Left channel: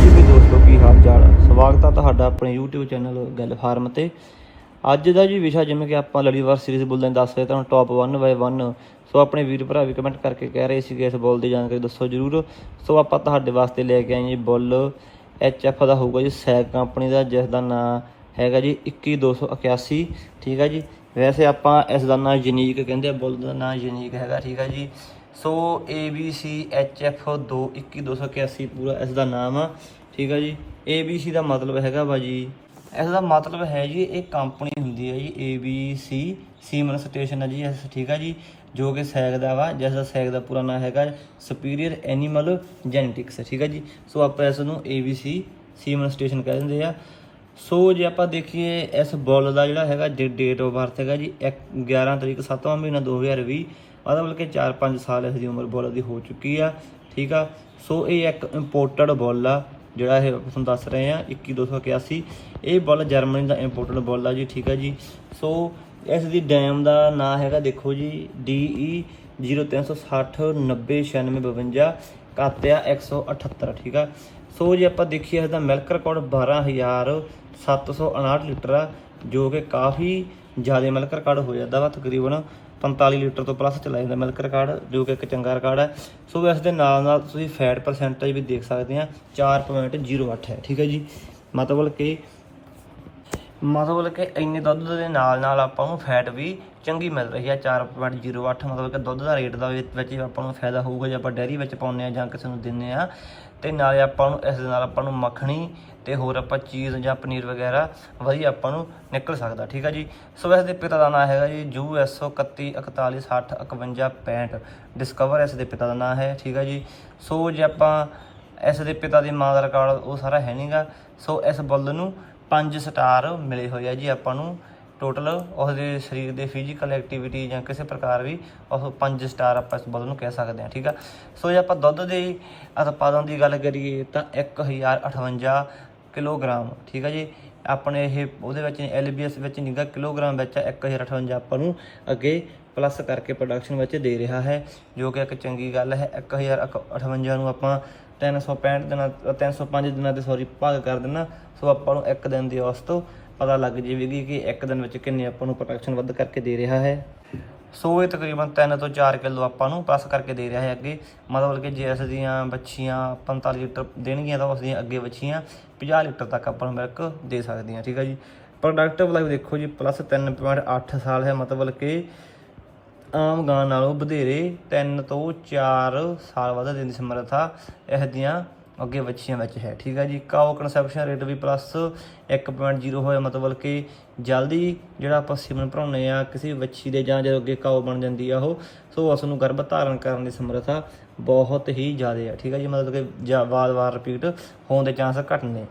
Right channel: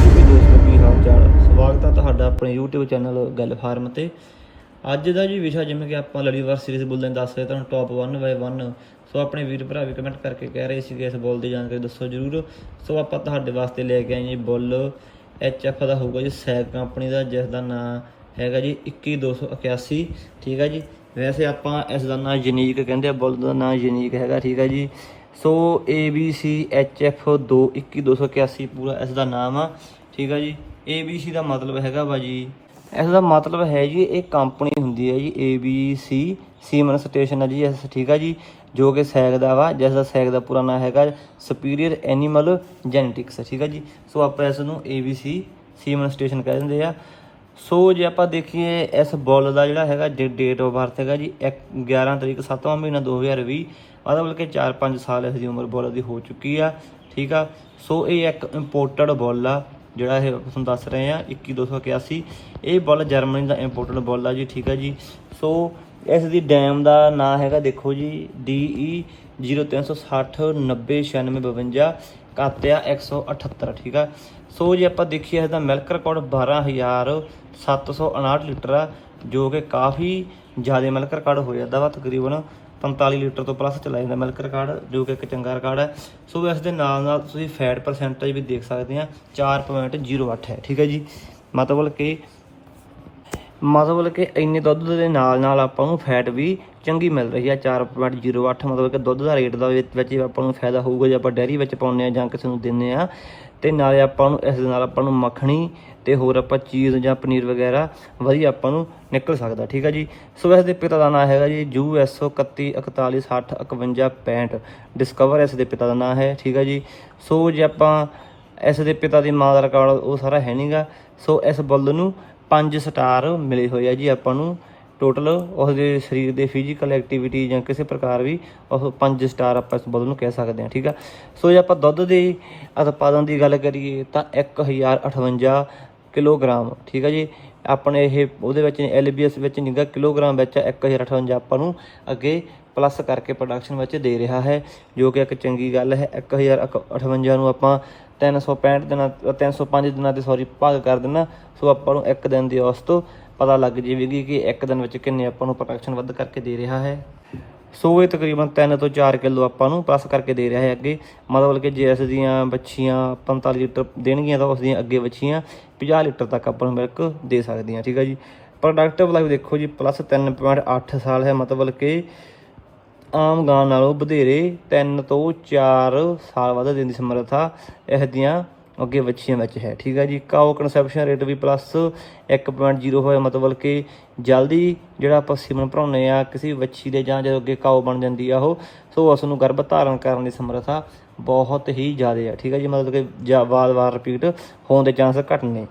ਜੀ ਵੀ ਦੋਸਤੋ, ਕੀ ਹਾਲ ਚਾਲ ਸਵਾਗਤ ਹੈ ਤੁਹਾਡਾ ਆਪਣੇ YouTube ਚੈਨਲ ਗੱਲ ਫਾਰਮ ਤੇ। ਅੱਜ ਦਾ ਜੀ ਵਿਸ਼ਾ ਜਿਵੇਂ ਕਿ ਆਪਾਂ ਲੜੀਵਾਰ ਸੀਰੀਜ਼ ਬੋਲਦੇ ਹਾਂ, ਦੱਸ ਰਹੇ ਤੁਹਾਨੂੰ ਟੌਪ 1 ਬਾਈ 1 ਸੋ ਆਪਣੇ ਵੀਰ ਭਰਾ ਵੀ ਕਮੈਂਟ ਕਰਕੇ ਕਹਿ ਰਹੇ ਸੀਗੇ ਇਸ ਬੋਲ ਦੀ ਜਾਣਕਾਰੀ ਦੱਸੋ ਜਰੂਰ। ਸੋ ਆਪਾਂ ਤੁਹਾਡੇ ਵਾਸਤੇ ਲੈ ਕੇ ਆਏ ਜੀ ਬੁੱਲ HF ਦਾ ਹੋਊਗਾ ਜੀ ਸੈਗ ਕੰਪਨੀ ਦਾ, ਜਿਸ ਦਾ ਨਾਮ ਹੈਗਾ ਜੀ 21281 ਠੀਕ ਹੈ ਜੀ? ਵੈਸੇ ਆਪਾਂ ਇਸ ਦਾ ਨਾਮ ਯੂਨੀਕ ਕਹਿੰਦੇ ਆ, ਬੁੱਲ ਦਾ ਨਾਮ ਯੂਨੀਕ ਹੈਗਾ, ਠੀਕ ਹੈ ਜੀ? ਸੋ ABC HF 221281 ਪੂਰਾ ਇਸ ਦਾ ਨਾਮ ਆ, ਠੀਕ ਆ ਜੀ। ABC ਦਾ ਮਤਲਬ ਹੈਗਾ ਵਾ ਜੀ। ਇਸ ਦਾ ਮਤਲਬ ਹੈ ਜੀ, ਇਹ ਕੰਪਨੀ ਹੁੰਦੀ ਹੈ ਜੀ ABC ਸੀਮਨ ਸਟੇਸ਼ਨ ਹੈ ਜੀ ਇਸ ਠੀਕ ਆ ਜੀ, ਜੋ ਕਿ ਸੈਗ ਦਾ ਵਾ, ਜਿਸ ਦਾ ਸੈਗ ਦਾ ਪੂਰਾ ਨਾਮ ਹੈਗਾ ਸੁਪੀਰੀਅਰ ਐਨੀਮਲ ਜੈਨੇਟਿਕਸ ਠੀਕ ਆ ਜੀ। ਸੋ ਆਪਾਂ ਇਸ ਨੂੰ ABC ਸੀਮਨ ਸਟੇਸ਼ਨ ਕਹਿ ਦਿੰਦੇ ਆ। ਸੋ ਜੇ ਆਪਾਂ ਦੇਖੀਏ ਇਸ ਬੁੱਲ ਦਾ ਜਿਹੜਾ ਹੈਗਾ ਜੇ ਡੇਟ ਆਫ ਬਰਥ ਹੈਗਾ ਜੀ, ਇੱਕ 11 ਤਰੀਕ 7ਵਾਂ ਮਹੀਨਾ 2020 ਮਤਲਬ ਕਿ 4-5 ਸਾਲ ਇਸ ਦੀ ਉਮਰ ਬੁੱਲ ਦੀ ਹੋ ਚੁੱਕੀ ਆ, ਠੀਕ ਆ? ਸੋ ਇਹ ਇੱਕ ਇੰਪੋਰਟਡ ਬੁੱਲ ਆ, ਜਿਹੜਾ ਇਹ ਤੁਹਾਨੂੰ ਦੱਸ ਰਹੇ ਆ 21281 ਇਹ ਬੁੱਲ ਜਰਮਨੀ ਦਾ ਇੰਪੋਰਟਡ ਬੁੱਲ ਆ ਜੀ, ਠੀਕ ਆ ਜੀ? ਸੋ ਇਸ ਦੀ ਡੈਮ ਦਾ ਨਾਂ ਹੈਗਾ ਦੇਖੋ ਜੀ DE 0360 90 96 52 ਕਾਤਿਆ 178 ਠੀਕ ਆ? ਸੋ ਜੇ ਆਪਾਂ ਦੇਖੀਏ ਇਹਦਾ ਮਿਲਕ ਰਿਕਾਰਡ 12759 ਲੀਟਰ ਆ, ਜੋ ਕਿ ਕਾਫੀ ਜ਼ਿਆਦਾ ਮਿਲਕ ਰਿਕਾਰਡ ਹੋ ਜਾਂਦਾ ਵਾ, ਤਕਰੀਬਨ 45 ਲੀਟਰ ਤੋਂ ਪਲੱਸ ਚਲਾ ਜਾਂਦਾ ਮਿਲਕ ਰਿਕਾਰਡ ਜੋ ਕਿ ਇੱਕ ਚੰਗਾ ਰਿਕਾਰਡ ਹੈ ਸੋ ਇਸ ਦੇ ਨਾਲ ਨਾਲ ਤੁਸੀਂ ਫੈਟ ਪਰਸੈਂਟੇਜ ਵੀ ਦੇਖ ਸਕਦੇ ਆ 4.08 ਹੈ, ਠੀਕ ਹੈ ਜੀ। ਮਤਲਬ ਕਿ ਮਤਲਬ ਕਿ ਇੰਨੇ ਦੁੱਧ ਦੇ ਨਾਲ ਨਾਲ ਆਪਾਂ ਨੂੰ ਫੈਟ ਵੀ ਚੰਗੀ ਮਿਲ ਰਹੀ ਹੈ 4.08 ਮਤਲਬ ਕਿ ਦੁੱਧ ਦਾ ਰੇਟ ਦਾ ਵਿੱਚ ਆਪਾਂ ਨੂੰ ਫਾਇਦਾ ਹੋਊਗਾ, ਜੇ ਆਪਾਂ ਡੈਰੀ ਵਿੱਚ ਪਾਉਂਦੇ ਆ ਜਾਂ ਕਿਸੇ ਨੂੰ ਦਿੰਦੇ ਆ। ਤੇ ਨਾਲੇ ਆਪਾਂ ਨੂੰ ਇਸ ਦੇ ਨਾਲ ਆਪਾਂ ਨੂੰ ਮੱਖਣੀ ਤੇ ਹੋਰ ਆਪਾਂ ਚੀਜ਼ ਜਾਂ ਪਨੀਰ ਵਗੈਰਾ ਵਧੀਆ ਆਪਾਂ ਨੂੰ ਨਿਕਲ ਸਕਦਾ, ਠੀਕ ਆ ਜੀ? ਸੋ ਇਸ ਦੇ ਪਿਤਾ ਦਾ ਨਾਮ ਹੈਗਾ ਜੀ ਯੂ ਐਸ 31 41 60 51 65 ਡਿਸਕਵਰ ਇਸ ਦੇ ਪਿਤਾ ਦਾ ਨਾਮ ਹੈ, ਠੀਕ ਹੈ ਜੀ? ਸੋ ਜੇ ਆਪਾਂ ਇਸ ਦੇ ਪਿਤਾ ਦੀ ਮਾਂ ਦਾ ਰਿਕਾਰਡ ਉਹ ਸਾਰਾ ਹੈ ਨਹੀਂਗਾ ਸੋ ਇਸ ਬੁੱਲ ਨੂੰ 5 ਸਟਾਰ ਮਿਲੇ ਹੋਏ ਆ ਜੀ ਆਪਾਂ ਨੂੰ। ਟੋਟਲ ਉਸ ਸਰੀਰ ਦੇ ਫਿਜ਼ੀਕਲ ਐਕਟੀਵਿਟੀ ਜਾਂ ਕਿਸੇ ਪ੍ਰਕਾਰ ਵੀ ਉਹ 5 ਸਟਾਰ ਆਪਾਂ ਇਸ ਬੁੱਲ ਨੂੰ ਕਹਿ ਸਕਦੇ ਹਾਂ, ਠੀਕ ਆ? ਸੋ ਜੇ ਆਪਾਂ ਦੁੱਧ ਦੀ ਉਤਪਾਦਨ ਦੀ ਗੱਲ ਕਰੀਏ ਤਾਂ 1058 ਕਿਲੋਗ੍ਰਾਮ, ਠੀਕ ਆ ਜੀ? ਆਪਣੇ ਇਹ ਉਹਦੇ ਵਿੱਚ ਐਲਬੀਐਸ ਵਿੱਚ ਨਿਗਾ ਕਿਲੋਗ੍ਰਾਮ ਵਿੱਚ 1058 ਆਪਾਂ ਨੂੰ ਅੱਗੇ ਪਲੱਸ ਕਰਕੇ ਪ੍ਰੋਡਕਸ਼ਨ ਵਿੱਚ ਦੇ ਰਿਹਾ ਹੈ, ਜੋ ਕਿ ਇੱਕ ਚੰਗੀ ਗੱਲ ਹੈ। 1058 ਨੂੰ ਆਪਾਂ 365 ਦਿਨਾਂ 305 ਦਿਨਾਂ 'ਤੇ ਸੌਰੀ ਭਾਗ ਕਰ ਦੇਣਾ ਸੋ ਆਪਾਂ ਨੂੰ ਇੱਕ ਦਿਨ ਦੀ ਔਸਤ ਪਤਾ ਲੱਗ ਜਾਵੇਗੀ ਕਿ ਇੱਕ ਦਿਨ ਵਿੱਚ ਕਿੰਨੇ ਆਪਾਂ ਨੂੰ ਪ੍ਰੋਡਕਸ਼ਨ ਵੱਧ ਕਰਕੇ ਦੇ ਰਿਹਾ ਹੈ। ਸੋ ਇਹ ਤਕਰੀਬਨ 3 ਤੋਂ 4 ਕਿਲੋ ਆਪਾਂ ਨੂੰ ਪਲੱਸ ਕਰਕੇ ਦੇ ਰਿਹਾ ਹੈ ਅੱਗੇ। ਮਤਲਬ ਕਿ ਜੇ ਇਸ ਦੀਆਂ ਬੱਚੀਆਂ 45 ਲੀਟਰ ਦੇਣਗੀਆਂ ਤਾਂ ਉਸ ਦੀਆਂ ਅੱਗੇ ਬੱਚੀਆਂ 50 ਲੀਟਰ ਤੱਕ ਆਪਾਂ ਨੂੰ ਮਿਲਕ ਦੇ ਸਕਦੀਆਂ, ਠੀਕ ਹੈ ਜੀ। ਪ੍ਰੋਡਕਟਿਵ ਲਾਈਫ ਦੇਖੋ ਜੀ ਪਲੱਸ 3.8 ਸਾਲ ਹੈ, ਮਤਲਬ ਕਿ ਆਮ ਗਾਂ ਨਾਲੋਂ ਵਧੇਰੇ 3 ਤੋਂ 4 ਸਾਲ ਵੱਧ ਦੇਣ ਦੀ ਸਮਰੱਥਾ ਇਸ ਦੀਆਂ ਅੱਗੇ ਬੱਚੀਆਂ ਵਿੱਚ ਹੈ। ਠੀਕ ਹੈ ਜੀ? ਕਾਓ ਕਨਸੈਪਸ਼ਨ ਰੇਟ ਵੀ ਪਲੱਸ 1.0 ਹੋਇਆ, ਮਤਲਬ ਕਿ ਜਲਦੀ ਜਿਹੜਾ ਆਪਾਂ ਸੀਮਨ ਭਰਾਉਂਦੇ ਆ, ਕਿਸੇ ਵੱਛੀ ਦੇ ਜਾਂ ਜਦੋਂ ਅੱਗੇ ਕਾਓ ਬਣ ਜਾਂਦੀ ਆ ਉਹ, ਸੋ ਉਸ ਨੂੰ ਗਰਭ ਧਾਰਨ ਕਰਨ ਦੀ ਸਮਰੱਥਾ ਬਹੁਤ ਹੀ ਜ਼ਿਆਦਾ ਆ। ਠੀਕ ਹੈ ਜੀ? ਮਤਲਬ ਕਿ ਜਾ- ਵਾਰ-ਵਾਰ ਰਿਪੀਟ ਹੋਣ ਦੇ ਚਾਂਸ ਘੱਟ ਨੇ।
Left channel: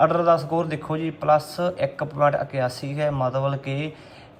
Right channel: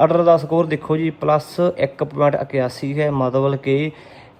ਆਰਡਰ ਦਾ ਸਕੋਰ ਦੇਖੋ ਜੀ ਪਲੱਸ 1.81 ਹੈ, ਮਤਲਬ ਕਿ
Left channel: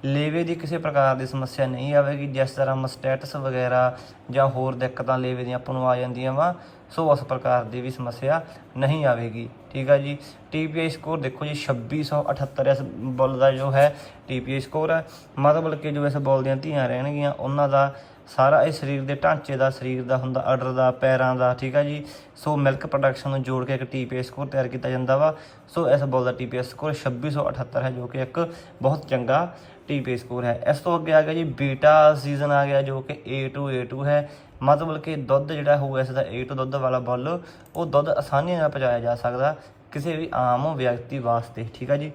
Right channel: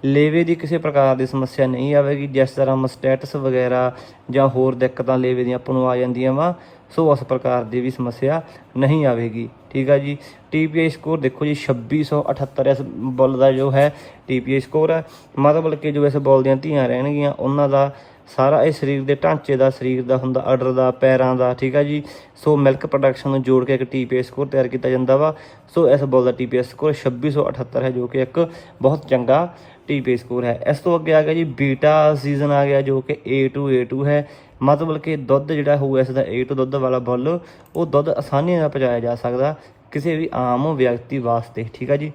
ਲੇਵੇ ਦੀ ਕਿਸੇ ਪ੍ਰਕਾਰ ਦੀ ਸਮੱਸਿਆ ਨਹੀਂ ਆਵੇਗੀ, ਜਿਸ ਤਰ੍ਹਾਂ ਮਸਟੈਟਸ ਵਗੈਰਾ ਜਾਂ ਹੋਰ ਦਿੱਕਤਾਂ ਲੇਵੇ ਦੀਆਂ ਆਪਾਂ ਨੂੰ ਆ ਜਾਂਦੀਆਂ ਵਾ, ਸੋ ਉਸ ਪ੍ਰਕਾਰ ਦੀ ਵੀ ਸਮੱਸਿਆ ਨਹੀਂ ਆਵੇਗੀ। ਠੀਕ ਆ ਜੀ? ਟੀਪੀਆਈ ਸਕੋਰ ਦੇਖੋ ਜੀ 2678 ਇਸ ਬੁੱਲ ਦਾ ਜੋ ਹੈ ਟੀਪੀਆਈ ਸਕੋਰ ਹੈ ਮਤਲਬ ਕਿ ਜੋ ਇਸ ਬੁੱਲ ਦੀਆਂ ਧੀਆਂ ਰਹਿਣਗੀਆਂ, ਉਹਨਾਂ ਦਾ ਸਾਰਾ ਇਹ ਸਰੀਰ ਦੇ ਢਾਂਚੇ ਦਾ, ਸਰੀਰ ਦਾ ਹੁੰਦਾ ਆਰਡਰ ਦਾ, ਪੈਰਾਂ ਦਾ, ਠੀਕ ਆ ਜੀ? ਸੋ ਮਿਲਕ ਪ੍ਰੋਡਕਸ਼ਨ ਨੂੰ ਜੋੜ ਕੇ ਇੱਕ ਟੀਪੀਆਈ ਸਕੋਰ ਤਿਆਰ ਕੀਤਾ ਜਾਂਦਾ ਵਾ। ਸੋ ਇਸ ਬੋਲ ਦਾ ਟੀਪੀਆਈ ਸਕੋਰ 2678 ਹੈ, ਜੋ ਕਿ ਇੱਕ ਬਹੁਤ ਚੰਗਾ ਟੀਪੀ ਸਕੋਰ ਹੈ। ਇਸ ਤੋਂ ਅੱਗੇ ਆ ਗਿਆ ਜੀ ਬੀਟਾ ਸੀਜ਼ਨ ਆ ਗਿਆ ਜੋ ਕਿ A2 A2 ਹੈ। ਮਤਲਬ ਕਿ ਦੁੱਧ ਜਿਹੜਾ ਹੋਊਗਾ ਇਸ ਦਾ A2 ਦੁੱਧ ਵਾਲਾ ਬੁੱਲ, ਉਹ ਦੁੱਧ ਆਸਾਨੀ ਨਾਲ ਪਹੁੰਚਾਇਆ ਜਾ ਸਕਦਾ ਕਿਸੇ ਵੀ ਆਮ ਵਿਅਕਤੀ ਵਾਸਤੇ। ਠੀਕ ਆ ਜੀ?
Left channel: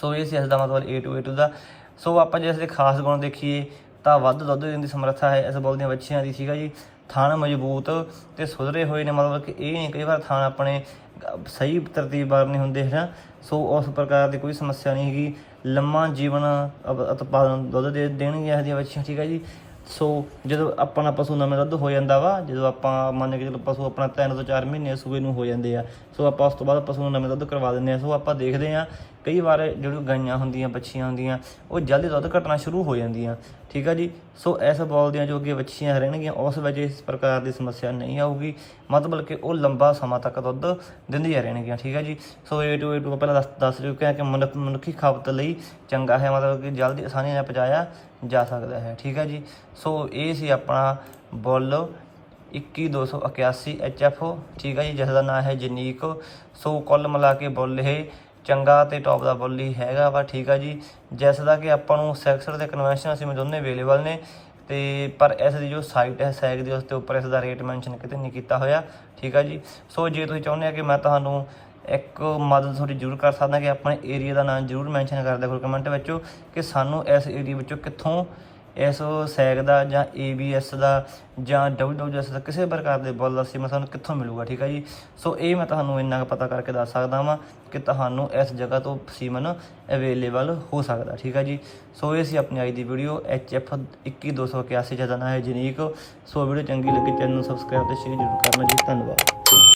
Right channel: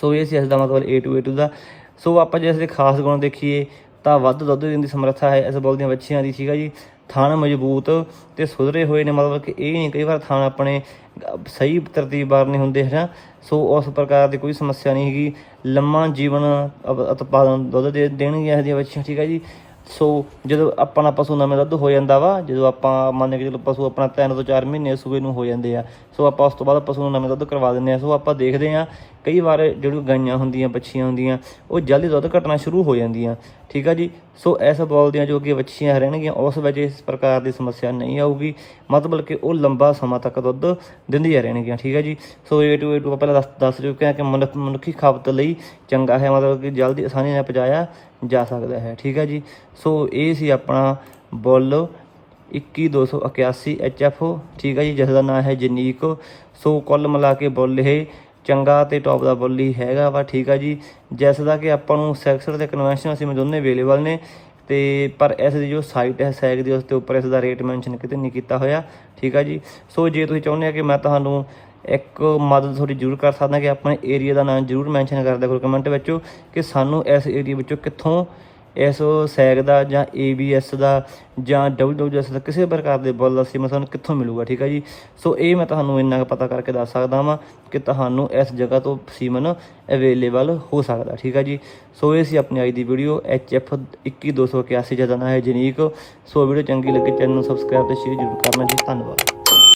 ਸੋ ਇਹ ਸੀ ਇਸ ਦਾ ਮਤਲਬ A2 A2 ਦਾ। ਸੋ ਆਪਾਂ ਜੇ ਇਸ ਦੇ ਖਾਸ ਗੁਣ ਦੇਖੀਏ, ਤਾਂ ਵੱਧ ਦੁੱਧ ਦੇਣ ਦੀ ਸਮਰੱਥਾ ਹੈ ਇਸ ਬੁੱਲ ਦੀਆਂ ਬੱਚੀਆਂ ਦੀ। ਠੀਕ ਆ ਜੀ? ਥਣ ਮਜ਼ਬੂਤ ਤੇ ਸੁਧਰੇ ਹੋਏ ਨੇ। ਮਤਲਬ ਕਿ ਇਹ ਨਹੀਂ, ਕਈ ਵਾਰ ਥਣ ਆਪਣੇ ਸਹੀ ਤਰਤੀਬਵਾਰ ਨਹੀਂ ਹੁੰਦੇ ਹੈ ਸੋ ਉਸ ਪ੍ਰਕਾਰ ਦੀ ਕੋਈ ਸਮੱਸਿਆ ਨਹੀਂ ਹੈਗੀ। ਲੰਮਾ ਜੀਵਨ ਉਪ- ਉਤਪਾਦਨ ਦੁੱਧ ਦੇ ਦੇਣਗੀਆਂ ਇਹਦੀਆਂ ਬੱਚੀਆਂ ਠੀਕ ਹੈ ਜੀ? ਸੋ ਜਦੋਂ ਆਪਣਾ ਪਸ਼ੂ ਨਵੇਂ ਦੁੱਧ ਹੋ ਜਾਂਦਾ ਵਾ, ਜਦੋਂ ਆਪਾਂ ਮੰਨ ਕੇ ਚਲੋ ਪਸ਼ੂ ਆਪਣਾ 3 ਤੋਂ 4 ਮਹੀਨੇ ਸੂਏ ਨੂੰ ਹੋ ਜਾਂਦੇ ਆ, ਸੋ ਆਪਾਂ ਉਸ ਤੋਂ ਬਾਅਦ ਪਸ਼ੂ ਨੂੰ ਨਵੇਂ ਦੁੱਧ ਕਰਵਾ ਦਿੰਦੇ ਆ। ਸੋ ਆਪਾਂ ਦੇਖਦੇ ਆ, ਕਈ ਵਾਰ ਜਿਹੜੀ ਗਾਈਆਂ ਹੁੰਦੀਆਂ, ਬੱਚੀਆਂ ਹੁੰਦੀਆਂ, ਉਹ ਜਲਦੀ ਦੁੱਧ ਘਟਣਾ ਸ਼ੁਰੂ ਹੋ ਜਾਂਦੀਆਂ। ਠੀਕ ਆ ਜੀ? ਸੋ ਇਸ ਬੋਲ ਦੀਆਂ ਜੋ ਅੱਗੇ ਬੱਚੀਆਂ ਰਹਿਣਗੀਆਂ, ਉਸ ਵਿੱਚ ਇਸ ਪ੍ਰਕਾਰ ਦੀ ਸਮੱਸਿਆ ਨਹੀਂ ਆਊਗੀ। ਮਤਲਬ ਕਿ ਉਹ ਲੰਬਾ ਸਮਾਂ ਤੱਕ ਦੁੱਧ ਦਿੰਦੀਆਂ ਰਹਿਣਗੀਆਂ, ਠੀਕ ਹੈ ਜੀ? ਸੋ A to A to ਪਹਿਲਾਂ ਦੱਸ ਦੱਸ ਚੁੱਕੇ ਹਾਂ ਕਿ ਮਨੁੱਖ ਮਨੁੱਖੀ ਖਪਤ ਲਈ ਚੰਗਾ ਹੈ, ਮਤਲਬ ਕਿ ਜਲਦੀ ਆਸਾਨੀ ਨਾਲ ਪਹੁੰਚਾਇਆ ਜਾ ਸਕਦਾ ਹੈ, ਠੀਕ ਹੈ ਜੀ? ਸੋ ਇਹ ਸੀ ਆਪਣਾ ਬੁੱਲ 21281 HF ਠੀਕ ਹੈ ਜੀ? ਜਿਸ ਦਾ ਨਾਮ ਹੈ ਜਨੀਕ। ਸੋ ਕੁੱਲ ਮਿਲਾ ਕੇ ਬੁੱਲ ਇਹ ਚੰਗਾ ਤੇ ਟੌਪ ਦਾ ਬੁੱਲ ਹੀ ਹੈਗਾ ਵਾ, ਠੀਕ ਆ ਜੀ। ਜਿਸ ਦਾ ਕਿ ਆਪਾਂ ਨੂੰ ਸੈਕਸਰ ਤੇ ਕਨਵੈਨਸ਼ਨ ਅਸੀਂ ਦੋਨੇ ਅਵੇਲੇਬਲ ਨੇ, ਤੇ ਪਰ ਇਸ ਦੀ ਜੋ ਸਾਈਟ ਹੈ ਸੈਗ ਦੀ ਉਸ ਦੇ ਉੱਪਰ ਇਸ ਦਾ ਰੇਟ ਮੈਂਸ਼ਨ ਕਿਤੇ ਨਹੀਂ ਕੀਤਾ ਹੋਇਆ, ਠੀਕ ਆ ਜੀ। ਸੋ ਜੇ ਤੁਸੀਂ ਚਾਹੁੰਦੇ ਆ ਕਿ ਮੈਂ ਤੁਹਾਨੂੰ ਇੱਕ ਮਦਦ ਤੁਹਾਡੀ ਜ਼ਰੂਰ ਕਰ ਸਕਦਾ ਕਿ ਆਪਣੇ ਏਰੀਆ ਦਾ ਨਾਮ ਜ਼ਰੂਰ ਮੈਂਸ਼ਨ ਕਰ ਦਿਆ ਕਮੈਂਟ ਵਿੱਚ ਕਿ ਸਾਨੂੰ ਇਸ ਏਰੀਆ ਵਿੱਚੋਂ ਕਿੱਥੋਂ ਇਸ ਸੈਗ ਦਾ ਜਾਂ ABS ਦਾ ਜਾਂ WWS ਦਾ ਕਿਸੇ ਪ੍ਰਕਾਰ ਦੇ ਬੁੱਲ ਅਸੀਂ ਮੈਂ ਤੁਹਾਨੂੰ ਕਿੱਥੋਂ ਮਿਲੂਗਾ, ਠੀਕ ਹੈ ਜੀ? ਸੋ ਇਹ ਮੈਂ ਤੁਹਾਨੂੰ ਇੰਨਾ ਕੁ ਪਤਾ ਕਰਕੇ ਦੱਸ ਸਕਦਾ ਵਾਂ ਕਿ ਤੁਹਾਨੂੰ ਇਸ ਜਗ੍ਹਾ ਤੋਂ ਸੀਮਨ ਅਵੇਲੇਬਲ ਹੋ ਸਕਦਾ, ਠੀਕ ਹੈ ਜੀ? ਸੋ ਇਹ ਸੀ ਆਪਣੀ ਅੱਜ ਦੀ ਵੀਡੀਓ HF 21281 ਜਿਹਦਾ ਨਾਮ ਹੈ ਜਨੀਕ। ਸੋ ਵੀਡੀਓ ਚੰਗੀ ਲੱਗੇ ਚੈਨਲ ਨੂੰ ਸਬਸਕ੍ਰਾਈਬ ਤੇ ਸ਼ੇਅਰ ਜ਼ਰੂਰ ਕਰਨਾ ਜੀ, ਧੰਨਵਾਦ।